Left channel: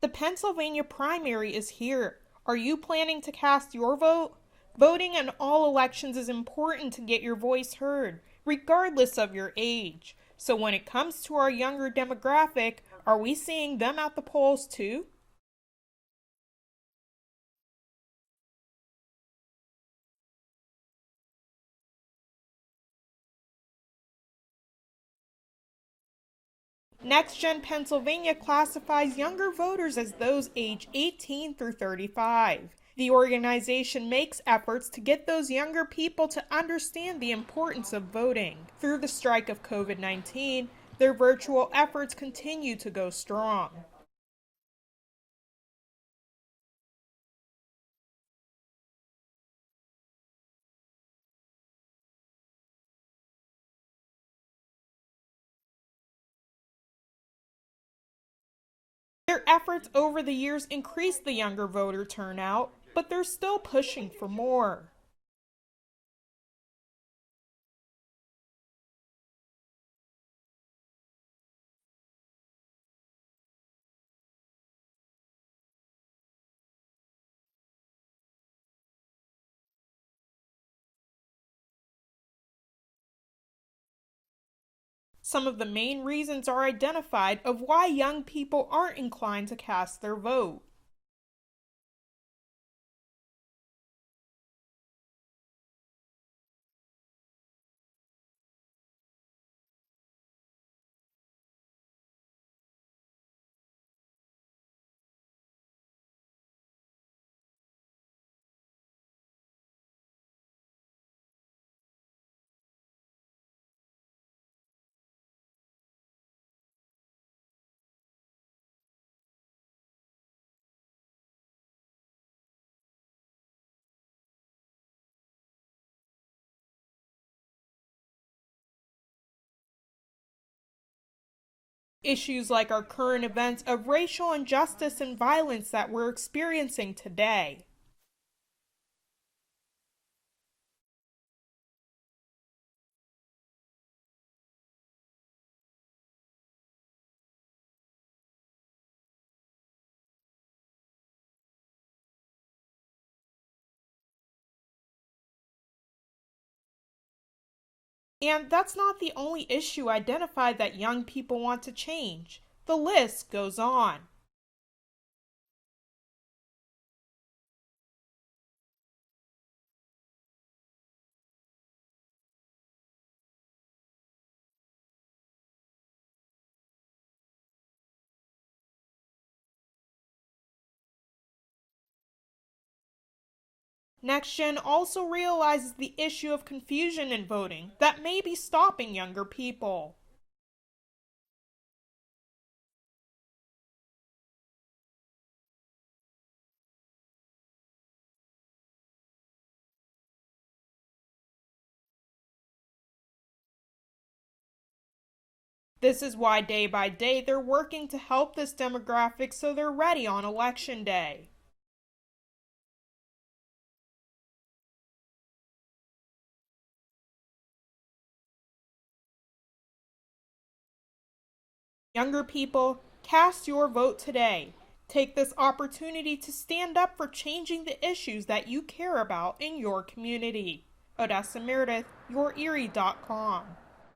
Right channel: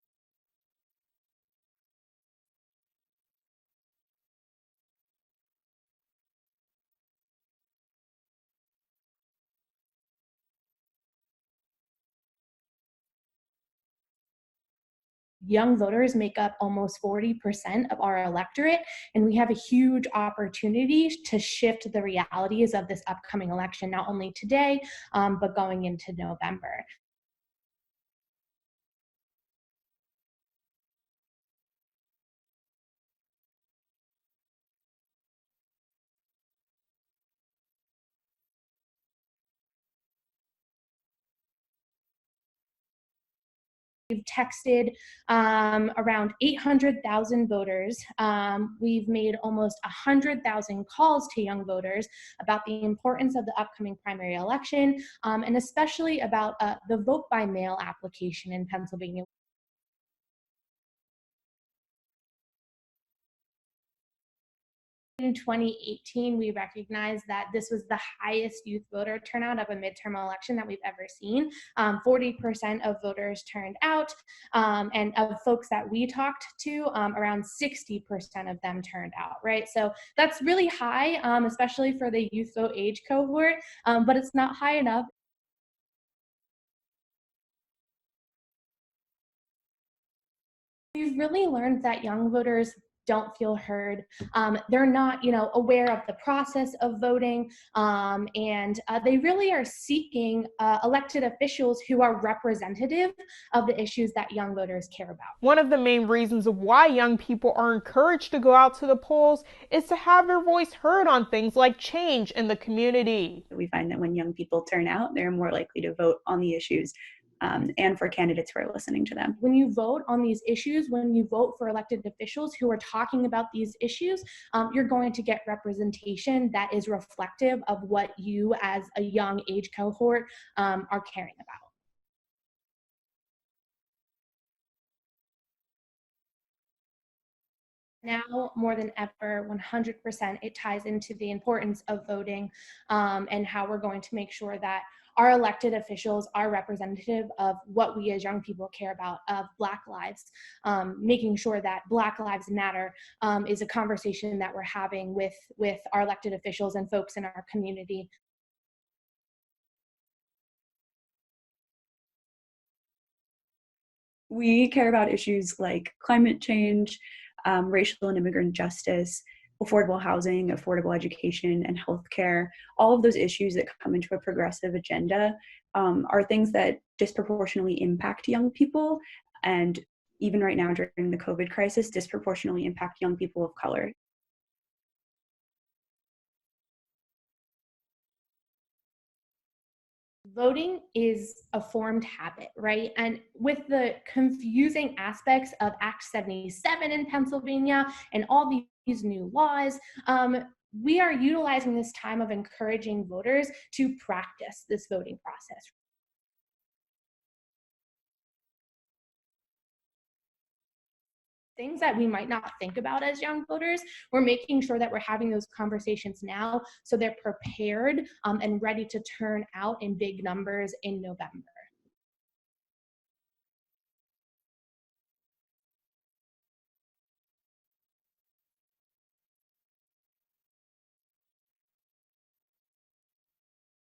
The Pennsylvania primary is here. Are you planning to cast your vote? Voting in all elections is important to get your voice heard, regardless of your age. So when it comes to our younger demographic, are we seeing them at the polls too? Young voters make up almost 40% of our electorate, and we have a huge opportunity to shift the realities of this upcoming election, not only today, but going into November. Next Gen Pennsylvania classifies younger voters as those age 18 through 35. The organization makes efforts to get those younger people to understand the importance of voting. Through the strike of COVID-19, their virtual efforts continue to go strong. We've texted around 800,000 voters. We've made almost 100,000 calls to young voters about the importance of the upcoming primary election, and especially about the vote by mail application in Pennsylvania. Their efforts over the years increased the younger voter turnout, but they're still pushing for more. In 2018, we recognized that this was the highest youth voter turnout of a midterm election that we've ever seen. 40% of voters turned out, and of folks that we talked to, around 60% of them turned out, right? So that's really high, especially for the youth vote age cohort, but it's not high enough. Some of the main reasons are identified of why young people aren't inclined to cast their vote. We've really learned that young voters don't feel heard. They're not, aware of the process of voting, and they really are seeking elected officials who are representative of the issues that young voters care about. One of the main reasons of why young people are encouraged to go out to the polls is to have their voice heard on things like change in the community. We find that when young people turn out, they're more likely to vote on the issues and for candidates who are listening to them. When you vote on these issues, when you vote for elected officials who are talking about these issues, you're going to get representation that is reflective of what you as a young age cohort are caring about. Issues like our current events of racial injustice and violence that we're experiencing today. Now, more than ever, 100%, it ties into the importance of voting, and how we're going to make sure that our elected officials are representative of what we as young people care about, of Black lives, making sure that Black Lives Matter is a conversation that we're having with our elected officials and folks in our community. And that's not the only issue identified that young people want to change. The list goes on. We care about issues like climate change, racial and immigrant justice, affordable housing, affordable education, and healthcare. All of those issues that come into a progressive agenda are things that disproportionately impact young people, and even right now during the COVID crisis, disproportionately impact young people of color. NextGen also realizes the issue of confusion in voting that may be stopping younger people. Voting is a formed habit, right? And with the confusing aspects of Act 77 in Pennsylvania and all these new laws, we are utilizing this time of encouraging voters to practice this voting process. This is why day by day they're working to help this demographic so they're ready on election day. Things that we might not think about as young voters, we're making sure that we're having those conversations now so they're prepared and ready to turn out in big numbers in November. Younger people, cast your vote today. Take this opportunity to stand up for changing the issues that you care about in your community. Odessa Meredith, YourErie.com.